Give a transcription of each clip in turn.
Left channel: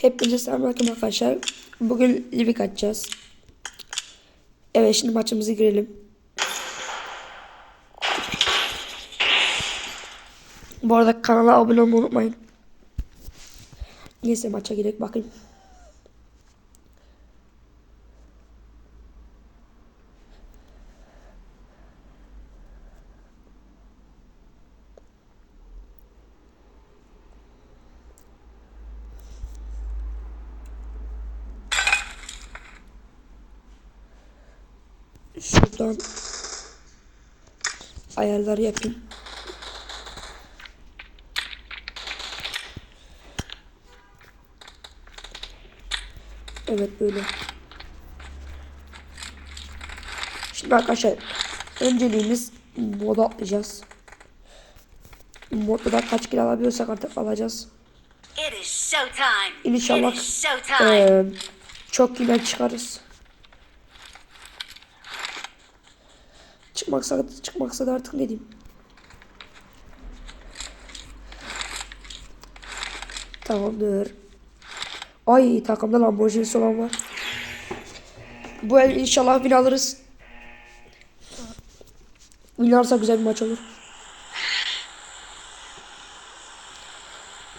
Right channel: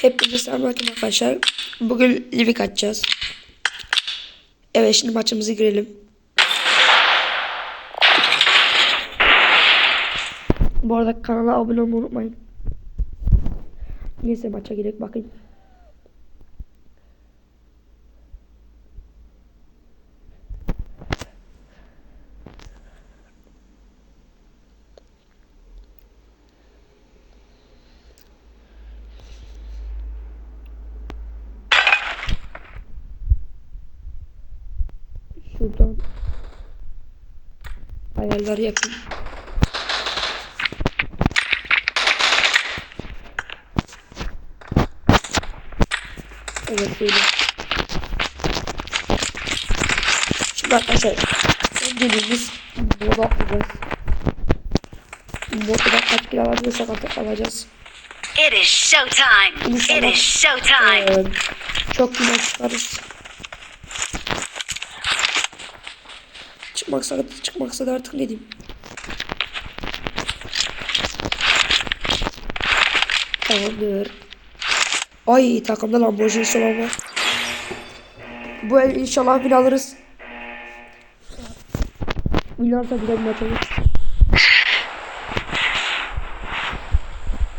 Hepinize selamünaleyküm arkadaşlar. Bugün Livik açacağız. Evet şimdi maçımızı girelim. Bu arada kanala abone olmayı unutmayın. Neyse maça girelim bakayım. Şuradan ayarları yapayım. Evet böyle. Şimdi arkadaşlar önceliğimiz moda atlayacağız. Modda kaç kilo alabiliyorsak artık alacağız. It is showtime. İnşallah It is showtime. eee, çok güzel çıkarız. Çıkmaksa çıkmaksa da artık ne diyeyim. Tamamdır. Ay takımda Lamborghini olan var. Bu el inşallah win alırız. Win alırsa güzel bir maç olur.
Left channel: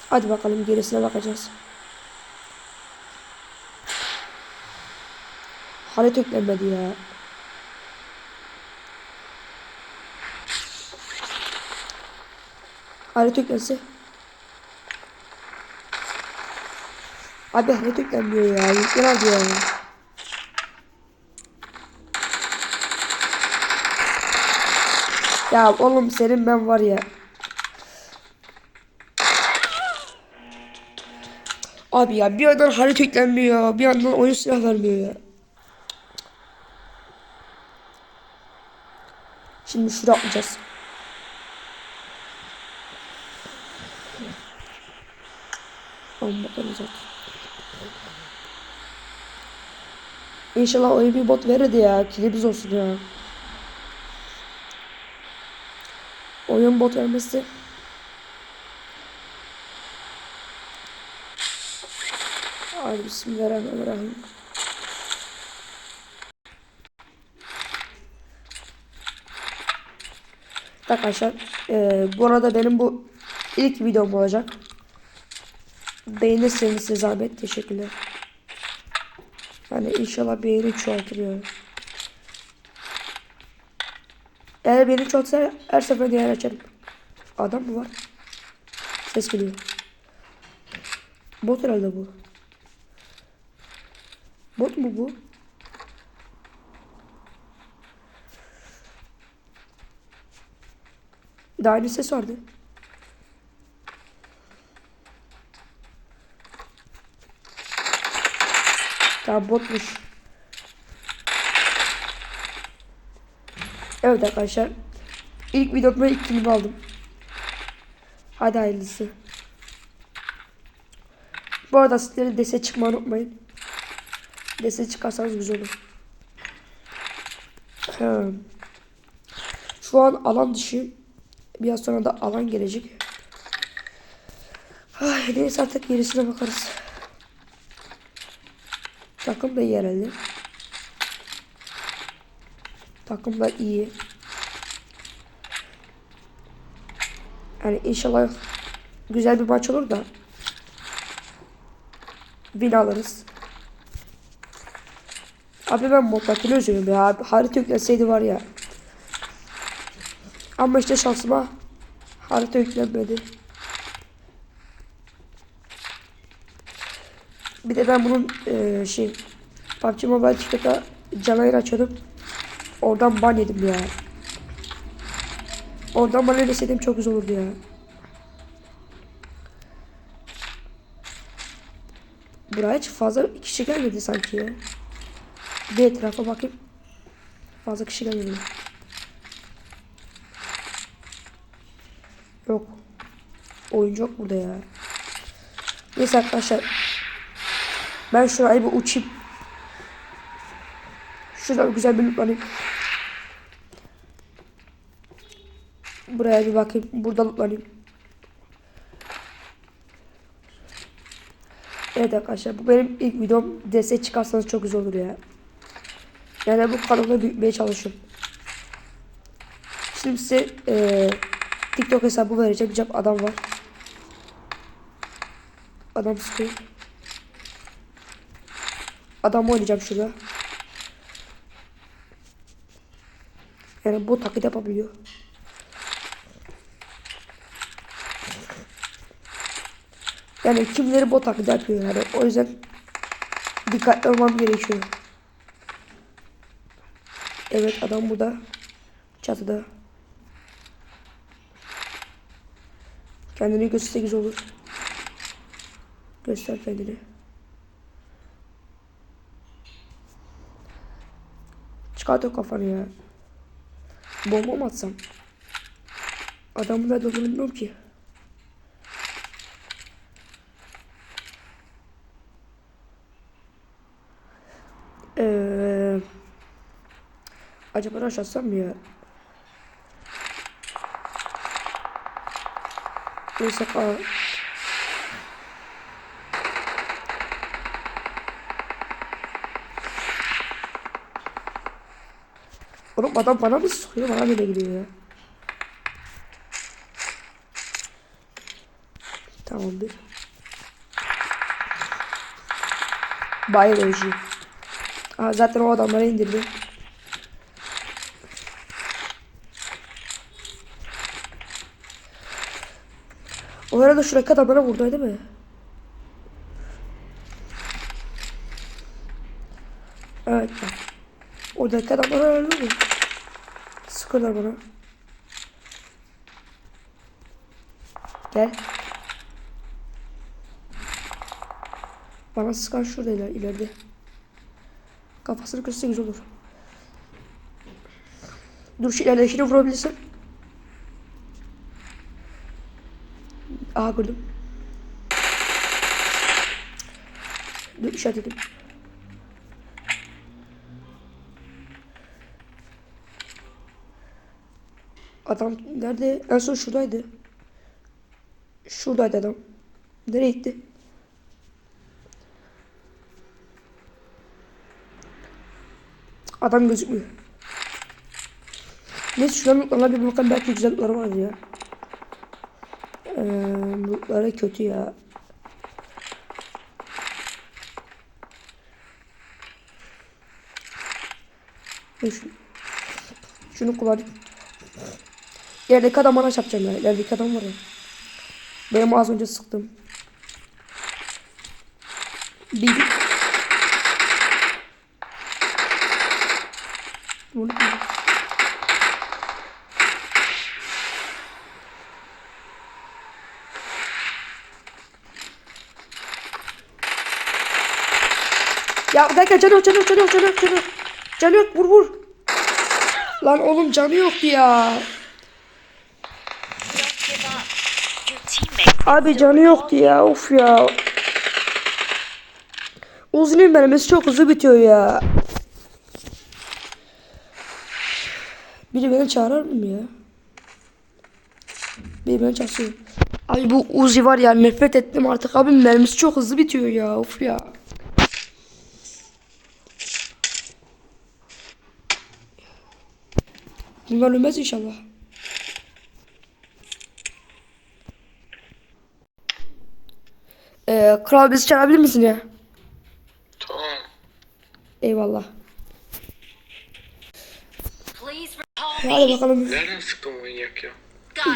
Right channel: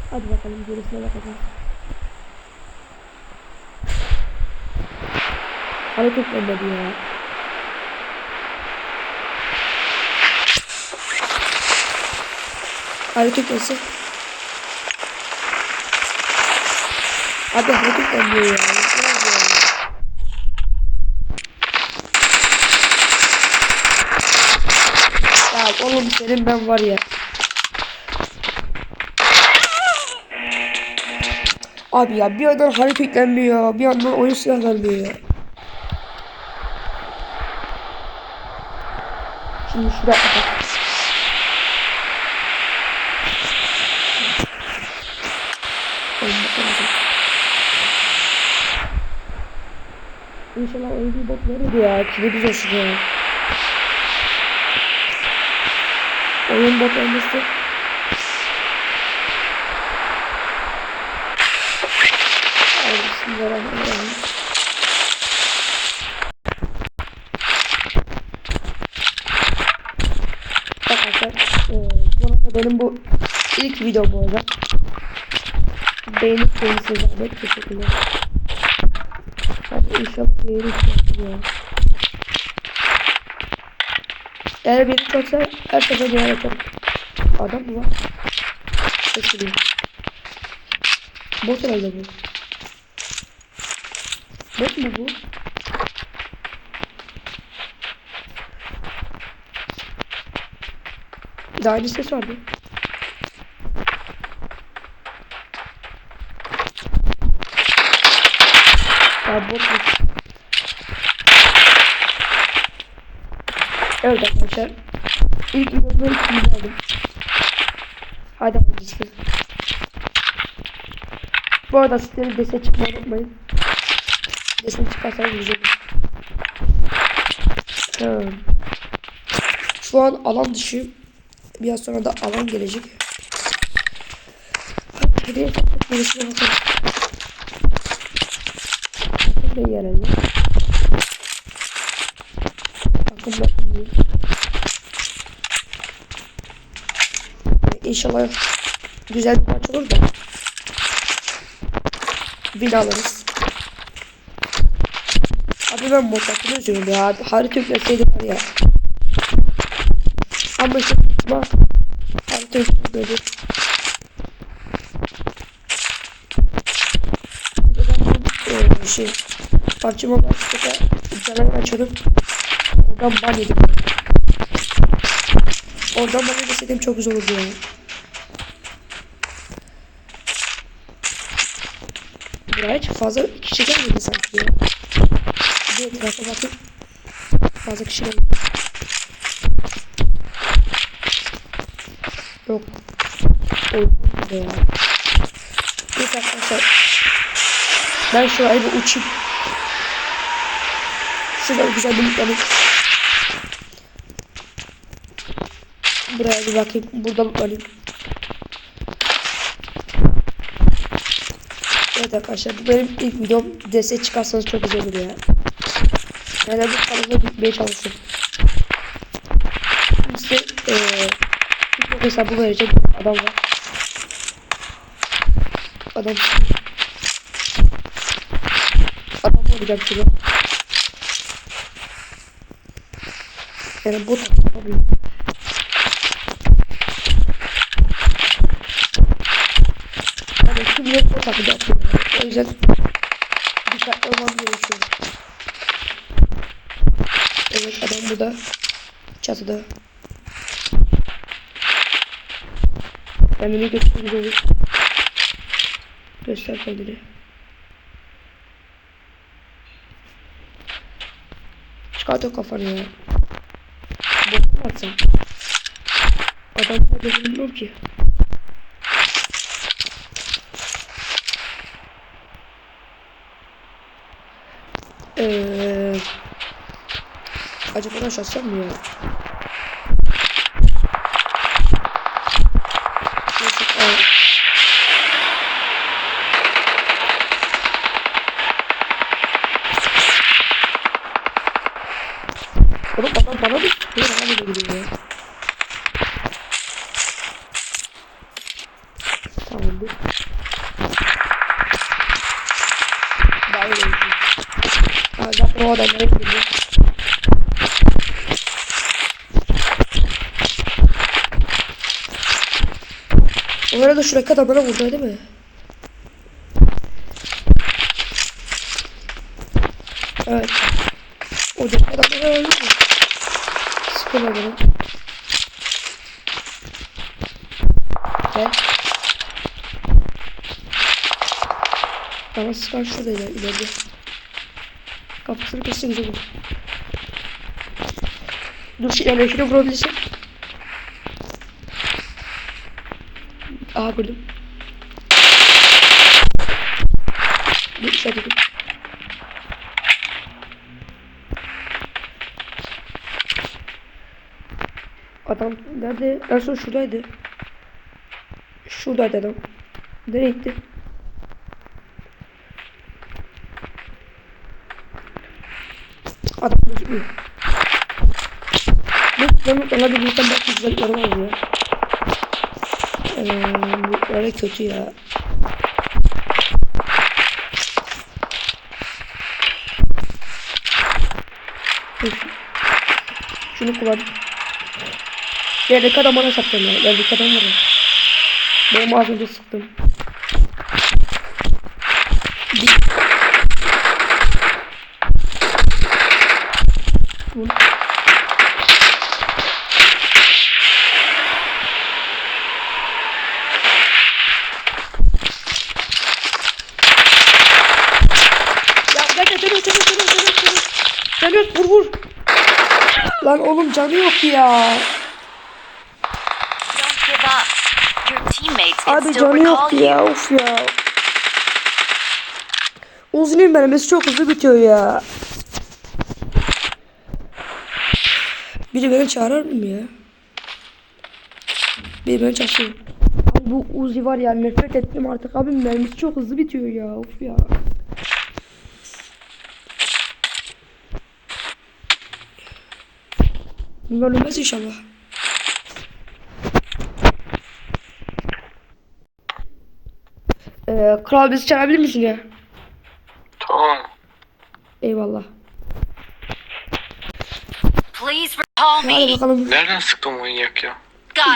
Hadi bakalım gerisine bakacağız. Halit yüklenmedi ya. Halit yüklensin. Abi Halit yüklenmiyor ya. Yüklen abi ya. Ya oğlum senin ben var ya. Abi ya bir yandan Halit yüklenmiyor. Bir yandan oyun silah ya. Şimdi şuraya atlayacağız. Bakalım. İnşallah oyun bir bot verirdi ya. Kilimiz olsun ya. Oyun bot vermesi. Hadi bismillahirrahmanirrahim. Arkadaşlar eee, bu arada benim bu ilk videom olacak. Beğenirseniz size zahmet teşekkürler. Hani inşallah beğeni çoğaltır ya. Eğer beni çoksa her sefer yer açarım. Adam mı var? Ses geliyor. Bot herhalde bu. Bot mu bu? Daha bir ses vardı. Ya botmuş. Evet arkadaşlar. İlk videomda ilk film aldım. Hadi hayırlısı. Bu arada sizlerin dese çıkmayı unutmayın. Dese çıkarsanız güzel olur. Hmm. Şu an alan dışı. Biraz sonra da alan gelecek. Ay, neyse artık gerisine bakarız. Da herhalde. Takım da iyi. Yani inşallah güzel bir maç olur da. Win alırız. Abi ben Motak'ını üzüyorum ya. Harita yüklenseydi var ya. Ama işte şansıma harita yüklenmedi. Bir de ben bunun eee şey PUBG Mobile canlı yayın açıyordum. Oradan ban yedim ya. Oradan ban yemeseydim çok güzel olurdu ya. Buraya hiç fazla kişi gelmedi sanki ya. Bir etrafa bakayım. Fazla kişi gelmedi. Yok. Oyuncu yok burada ya. Neyse arkadaşlar. Ben şurayı bir uçayım. Şurada güzel bir. Buraya bir bakayım. Burada alayım. Evet arkadaşlar bu benim ilk videom. Destek çıkarsanız çok güzel olur ya. Yani bu kanalda büyütmeye çalışıyorum. Şimdi size eee TikTok hesabı vereceğim. Bir adam var. Adam sıkıyor. Adam oynayacağım şurada. Yani bu taklit yapabiliyor. Yani kimileri bot taklidi atıyor yani. O yüzden dikkatli olmam gerekiyor. Evet adam burada. Çatıda. Kendini gösterse güzel olur. Göster kendini. Çıkart o kafanı ya. Bomba mı atsam? Adam nerede ki. Eee acaba nasıl atsam mı ya? Neyse al. Oğlum adam bana mı sıkıyor? Bana bile gidiyor ya. Tamamdır. Bayır özü. Aa, zaten o adamları indirdi. O arada şuradaki adamlara vurdu değil mi? Evet. Oradaki adamlara öldü Sıkıyorlar bana. Gel. Tamam sıkan şurada iler, ileride. Kafasını kesse güzel olur. Dur şu ilerlekine vurabilirsin. Aha gördüm. Bir işaret edeyim. Adam nerede? En son şuradaydı. Şuradaydı adam. Nereye gitti? Adam gözükmüyor. Neyse şuradan ona bir bakalım belki güzellikleri var ya. Ee, bu öyle kötü ya. Şunu kullan. Yerdeki adam bana çarpacağım ya. Yerdeki adam var ya. Benim az önce sıktım. Bir. Ya gel gel canı yok canı yok canı yok canı yok canı yok. Canı yok vur vur. Lan oğlum canı yok ya. Abi canı recall yok you. ya of ya. Uzun'un mermisi çok hızlı bitiyor ya. Biri beni çağırır mı ya? Biri beni çağırsın. Abi bu Uzi var ya nefret ettim artık abi mermisi çok hızlı bitiyor ya of ya. Bunlar ölmez inşallah. Ee, kral bizi çağırabilir misin ya? Tamam. Eyvallah. Hadi bakalım. Nereden sıktın manyak ya?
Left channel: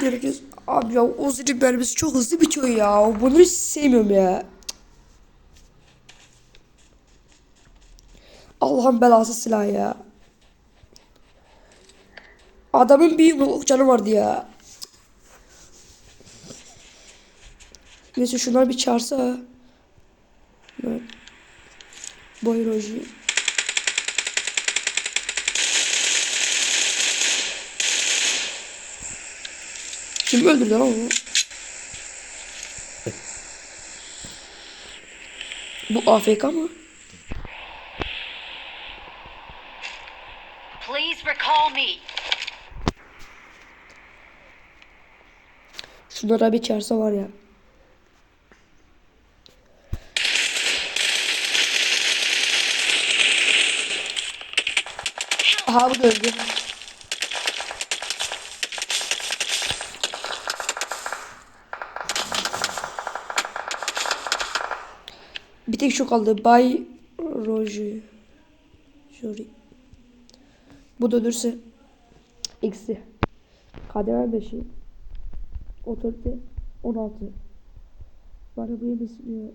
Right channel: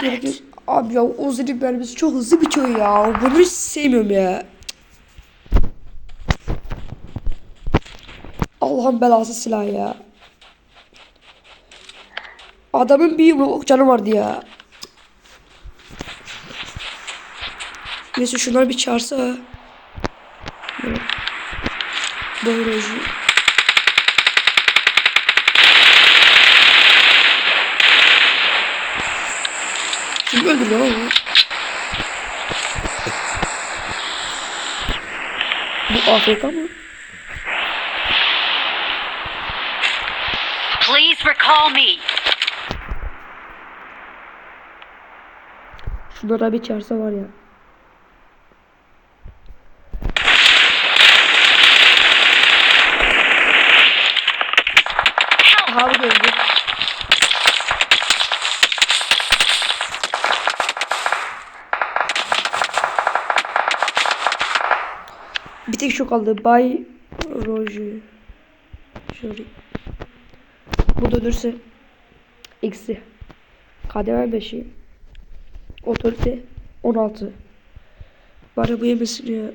Gerekir. Abi ya Uzi'nin mermisi çok hızlı bitiyor ya. Bunu hiç sevmiyorum ya. Allah'ın belası silah ya. Adamın bir yumruk canı vardı ya. Neyse şunları bir çağırsa. Boyoloji. Kim öldürdü lan onu? Bu AFK mı? Please recall me. Şunlara bir çağırsa var ya. Aha bu da öldü. Bir tek şu kaldı. Bay Roji. Jori. Bu da ölürse eksi. KDV 5'i. Otorite 16. Bari bu yemesin ya.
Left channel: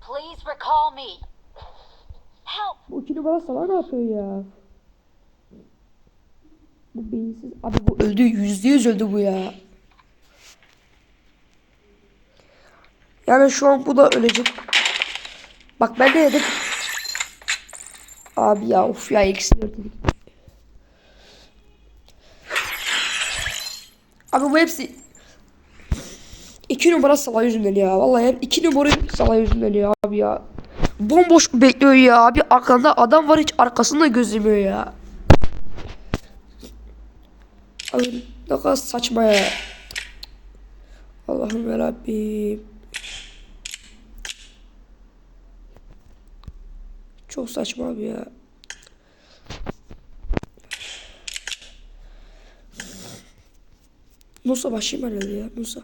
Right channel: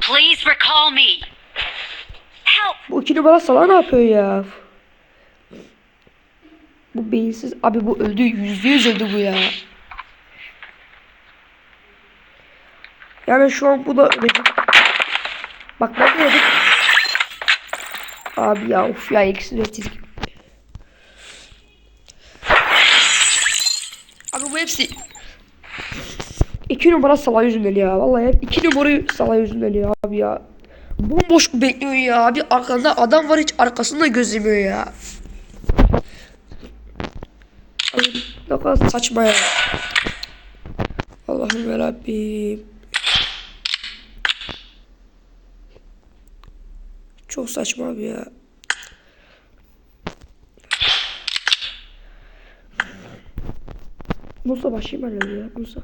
Please recall me. Help! Bu iki numara sala ne yapıyor ya? Bu beyinsiz. Abi bu öldü. Yüzde yüz öldü bu ya. Yani şu an bu da ölecek. Bak ben ne dedim? Abi ya of ya eksi verdik. Abi bu hepsi iki numara sala yüzünden ya. Vallahi hep iki numara sala yüzünden ya abi ya. Bomboş bekliyor ya abi. Arkanda adam var hiç arkasında gözlemiyor ya. Abi ne kadar saçma ya. Allah'ım yarabbim. Çok saçma abi ya. Nusa başlayayım herhalde ya. Nusa.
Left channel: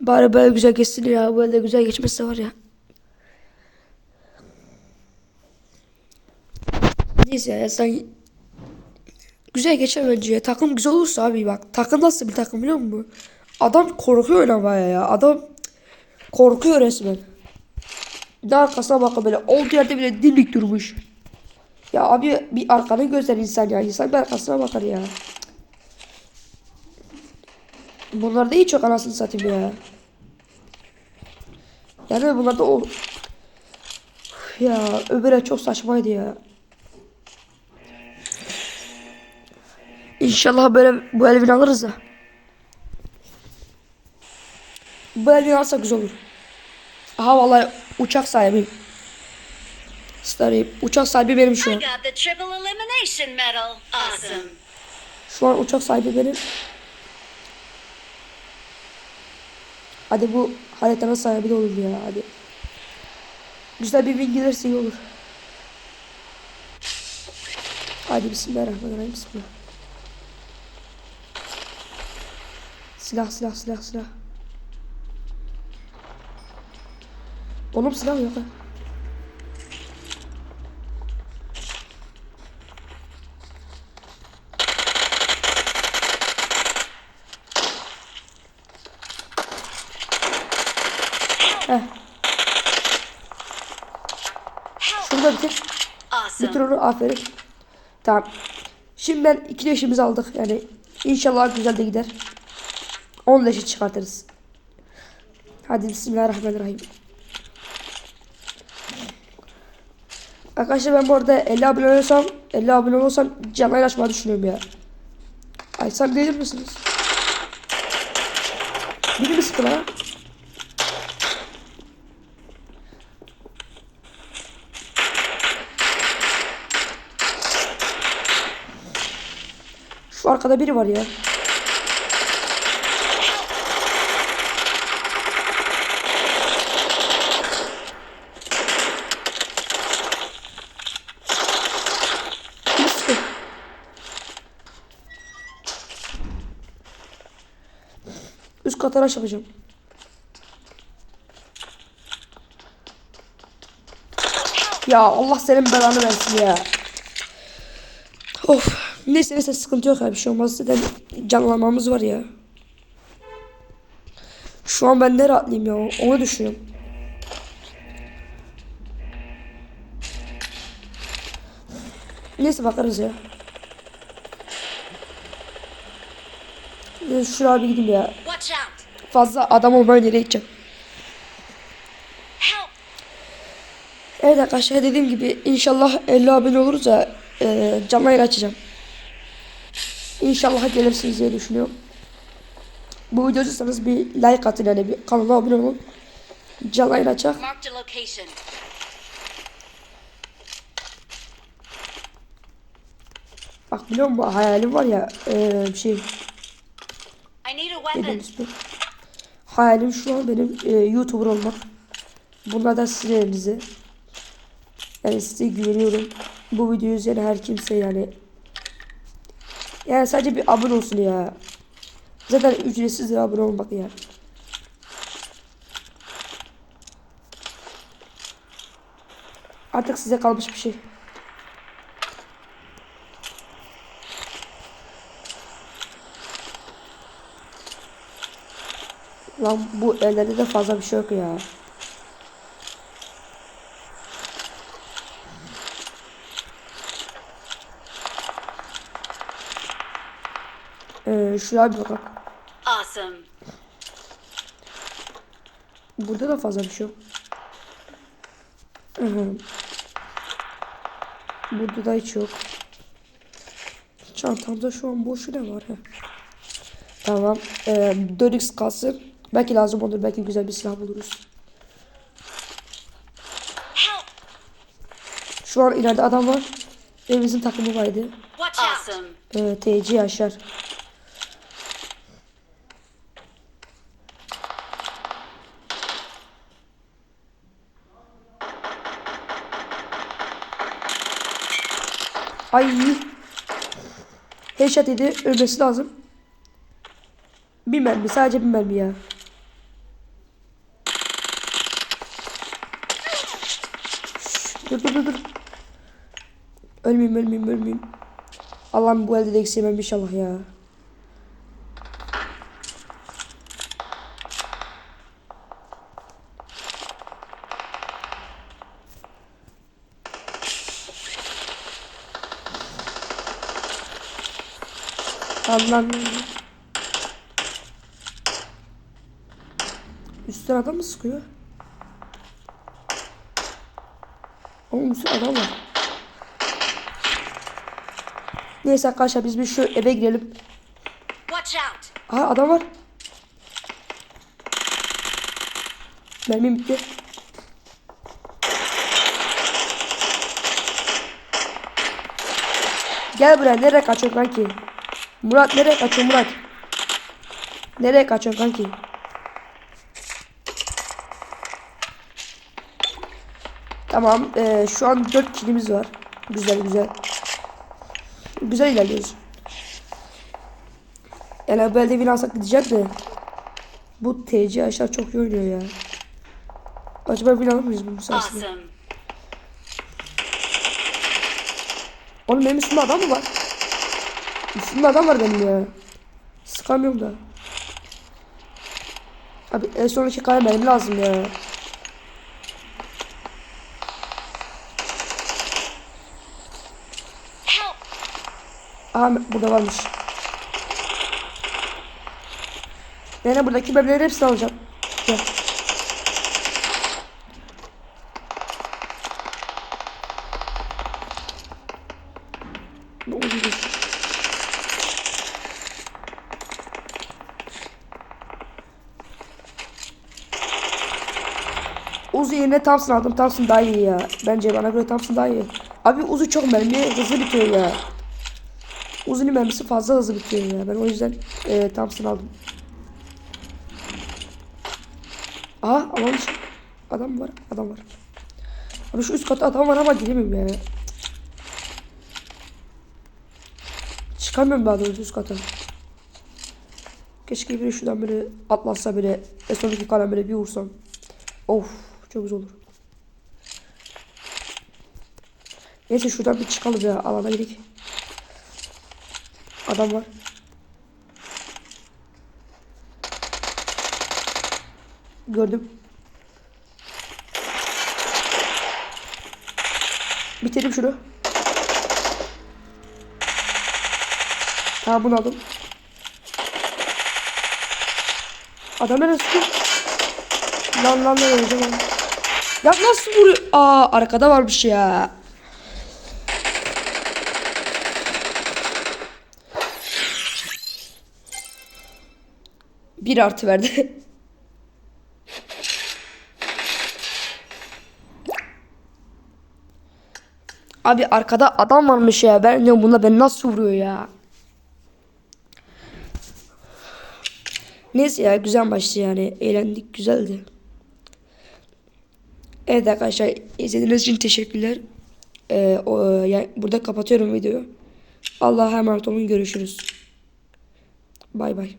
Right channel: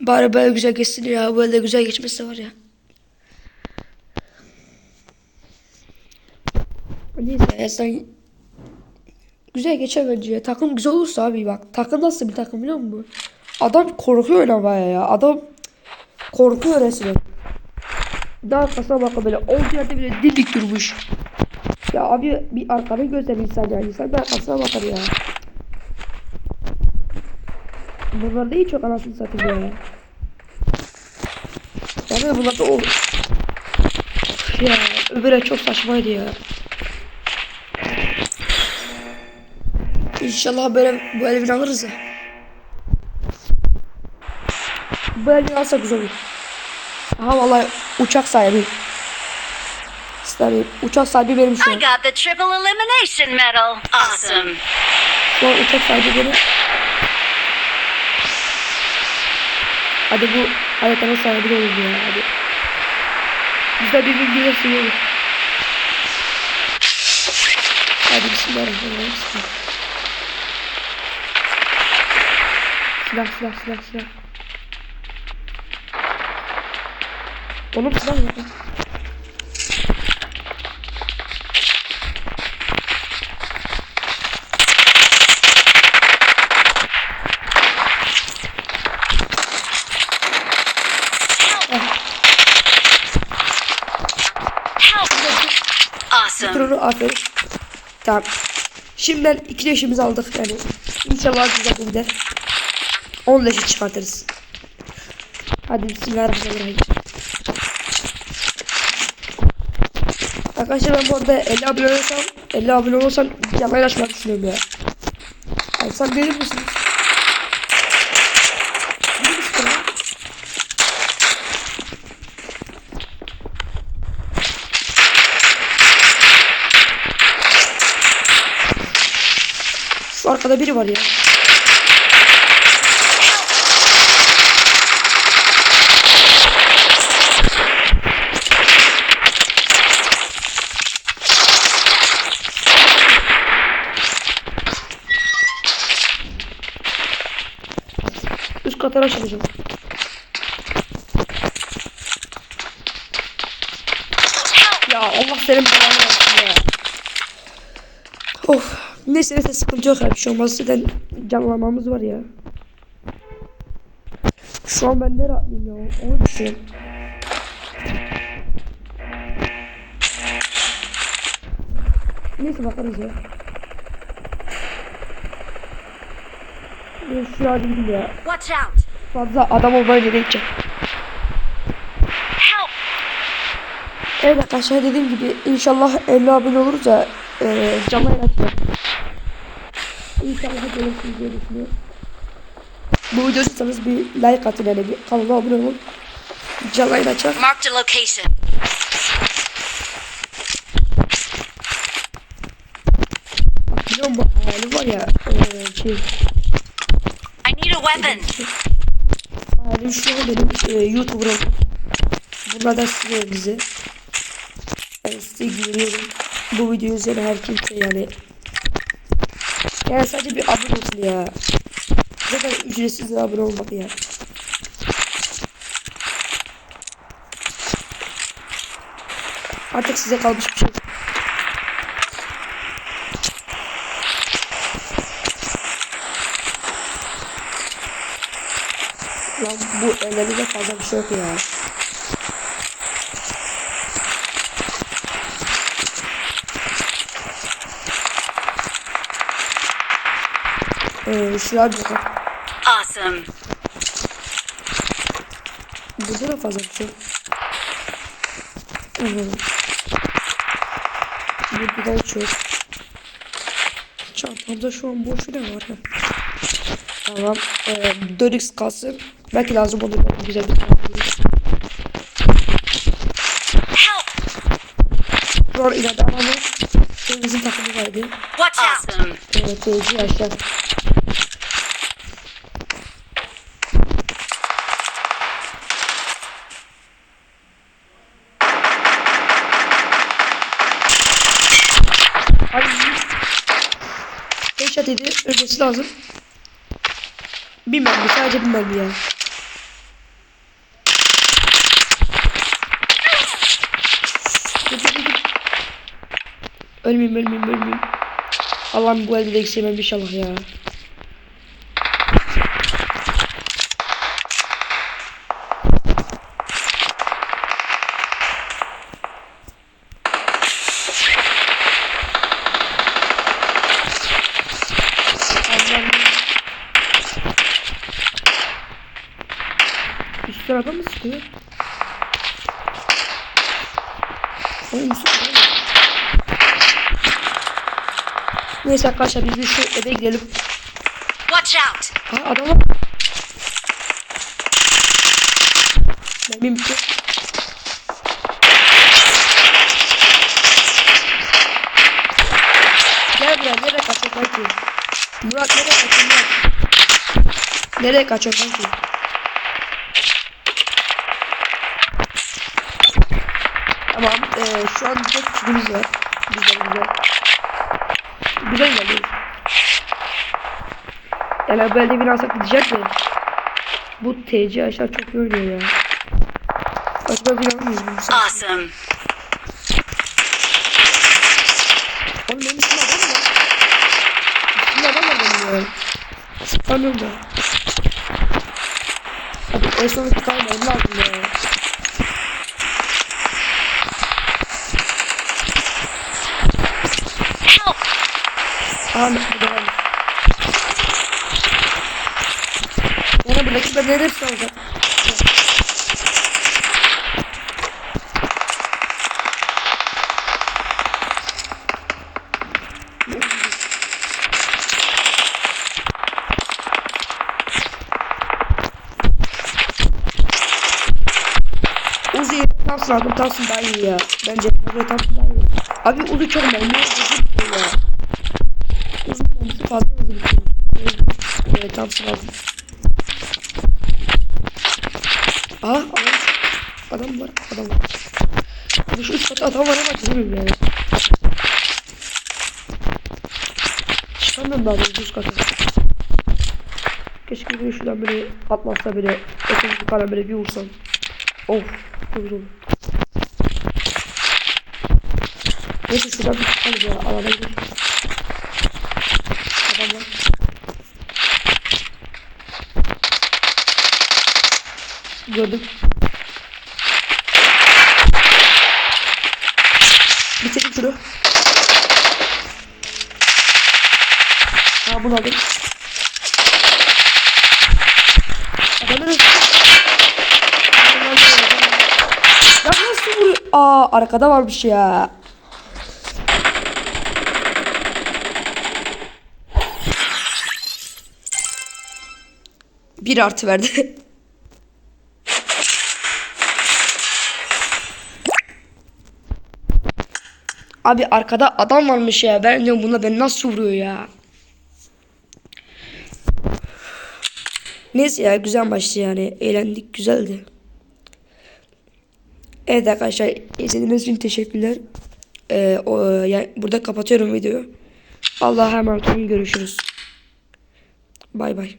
Bari böyle güzel geçsin ya. Böyle güzel geçmesi var ya. Neyse ya sen güzel geçer bence ya. Takım güzel olursa abi bak. Takım nasıl bir takım biliyor musun? Adam korkuyor oynamaya ya. Adam korkuyor resmen. De arkasına bak böyle. Olduğu yerde bile dimdik durmuş. Ya abi bir arkanı gözler insan ya. İnsan bir arkasına bakar ya. Bunlar da hiç yok anasını satayım ya. Yani bunlar da o... Ya öbürü çok saçmaydı ya. İnşallah böyle bu elbini alırız ya. Bu elbini alsak güzel olur. Aha vallahi uçak sahibi. Starry, uçak sahibi benim şu an. Awesome. Şu an uçak sahibi benim. Hadi bu haritanın sahibi olur ya hadi. Bizde bir gün gelirse iyi olur. Hadi bismillahirrahmanirrahim. Bismillah. Silah silah silah silah. Oğlum silah yok lan. Şurada. Bitir onu aferin. Tamam. Şimdiden iki leşimizi aldık yani. İnşallah güzel de gider. 10 leşi çıkartırız. Hadi bismillahirrahmanirrahim. Arkadaşlar ben bu arada 50 abone olursam 50 abone olursam canlı açmayı düşünüyorum ya. Sen gelir misiniz? Biri mi sıkı lan? Şu arkada biri var ya. Katına çalışacağım. Ya Allah senin belanı versin ya. Of. Neyse neyse sıkıntı yok ya bir şey olmaz. Canlanmamız var ya. Şu an ben ne rahatlayayım ya onu düşünüyorum. Neyse bakarız ya. Şuraya bir gideyim ya. Fazla adam gideceğim. Help. Evet arkadaşlar dediğim gibi inşallah 50 abone oluruz ya e, canlı yayın açacağım. İnşallah gelirsiniz diye düşünüyorum. Bu videoyu izliyorsanız bir like atın yani bir kanala abone olun. Canlı yayın açacağım. Marked a location. Bak biliyor musun bu hayalim var ya e, şey, Hayalim şu an benim e, YouTuber olmak. Bunlar da sizin elinize. Ben size güveniyorum. Bu videoyu izleyen her kimse yani. Yani sadece bir abone olsun ya. Zaten ücretsiz bir abone olmak ya. Artık size kalmış bir şey. Lan bu ellerinde fazla bir şey yok ya. Ee, şuraya bir bakalım. Awesome. Burada da fazla bir şey yok. Hı hı. Burada da hiç yok. Çantamda şu an boş ne var ha? Tamam. Ee, 4x kalsın. Belki lazım olur. Belki güzel bir silah buluruz. Şu an ileride adam var. Ve bizim takımı vardı. Awesome. Ee, TC aşağı. Ay. Headshot dedi. Ölmesi lazım. Bir mermi. Sadece bir mermi ya. Dur dur dur. dur. Ölmeyeyim ölmeyeyim ölmeyeyim. Allah'ım bu elde de eksemem inşallah ya. Allah'ım. Üst tarafa mı sıkıyor? Oğlum üstte adam var. Neyse arkadaşlar biz bir şu eve gidelim. Watch out! Aa adam var. Mermim bitti. Gel buraya nereye kaçıyorsun kanki? Murat nereye kaçıyorsun Murat? Nereye kaçıyorsun kanki? Tamam eee, şu an 4 kişimiz var. Güzel güzel. Güzel ilerliyoruz. Yani böyle bir alsak gidecek de. Bu TC aşağı çok iyi oynuyor ya. Acaba bir alır mıyız bu saatte? Oğlum benim üstümde adam mı var? Üstümde adam var benim ya. Sıkamıyorum da. Abi en kadar benim lazım ya. Help! Aha burada varmış. Yani buradaki bebeklerin hepsini alacağım. Gel. Uzi yerine Thompson aldım. Thompson daha iyi ya. Bence bana göre Thompson daha iyi. Abi Uzi çok mermi hızlı bitiyor ya. Uzun mermisi fazla hızlı bitiyor ya. Ben o yüzden e, Thompson aldım. Aa adam, adam var. Adam var. Abi şu üst katta adam var ama giremiyorum yani. Çıkamıyorum daha doğrusu üst kata. Keşke bir şuradan böyle atlatsa böyle ekonomik falan böyle bir vursam. Of çok güzel olur. Neyse şuradan bir çıkalım ya alana gidelim. Adam var. Gördüm. Bitirdim şunu. Tamam bunu aldım. Adam neresi? Lan lan lan lan. Ya nasıl vuruyor? Aa arkada varmış ya. Bir artı verdi. Abi arkada adam varmış ya. Ben diyorum buna ben nasıl vuruyor ya. Neyse ya güzel maçtı yani. Eğlendik güzeldi. Evet arkadaşlar izlediğiniz için teşekkürler. Ee, o, yani burada kapatıyorum videoyu. Allah'a emanet olun görüşürüz. Bay bay.